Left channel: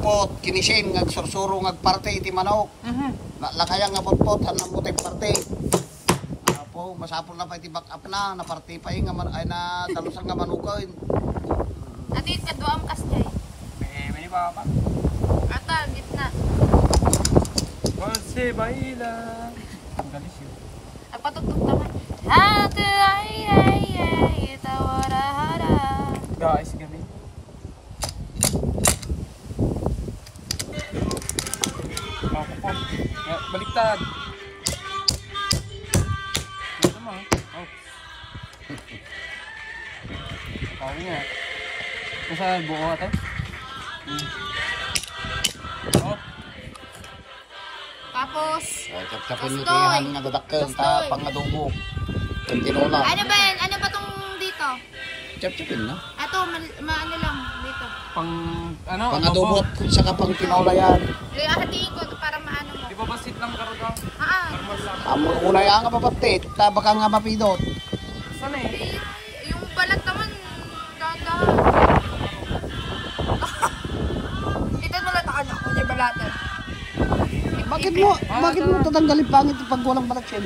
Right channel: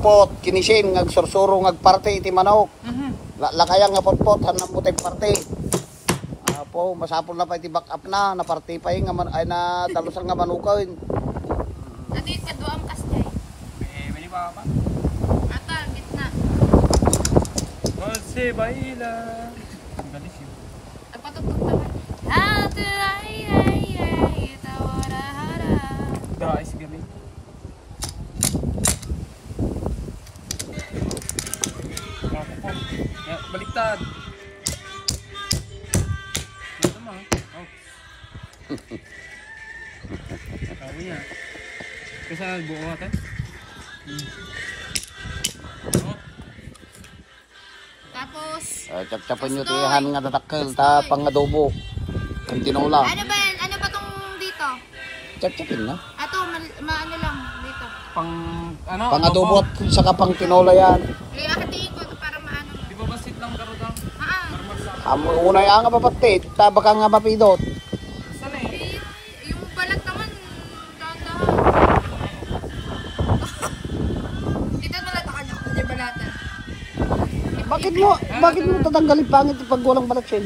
putpot, kinisin, ngagsursuro, ngagparte, iti manok. Lakaya nga putpot, hanang mutek parte. Apo, masapol na pa iti back up na, naparte pa yung, ay na dalusal nga manukawin. Ati, kaduam kasjay. May pa pa. Ata, gitna. Kasi baila. Ang galis yun. Nagpatugtog naman. Hati, ay, tawara-hara. Guys, gabi. Ako po. Baliktad. Ito mo. Oh. Kawin nga. Kasi buo ate. Oh. Tapos, Tapos nyo tiyahan nga dadakin, ta pang adobo. Kung tinola. ano ba yan? Ano pa tong dito? Chap-chapin na. Ato, ano lang dito. Pang ano? Pang adobo at saka pang tinola yan. Hatiin ko para maano mo. Di ba basit lang karo daw? Normal lang. Amo unay nga mapati, taba ka nga mapidot. Saan eh? Yung balat naman, dahan-dahan. Dito balat ako na, hindi balatan. Bakit mo tatanggalin pangit pag walang balat yun?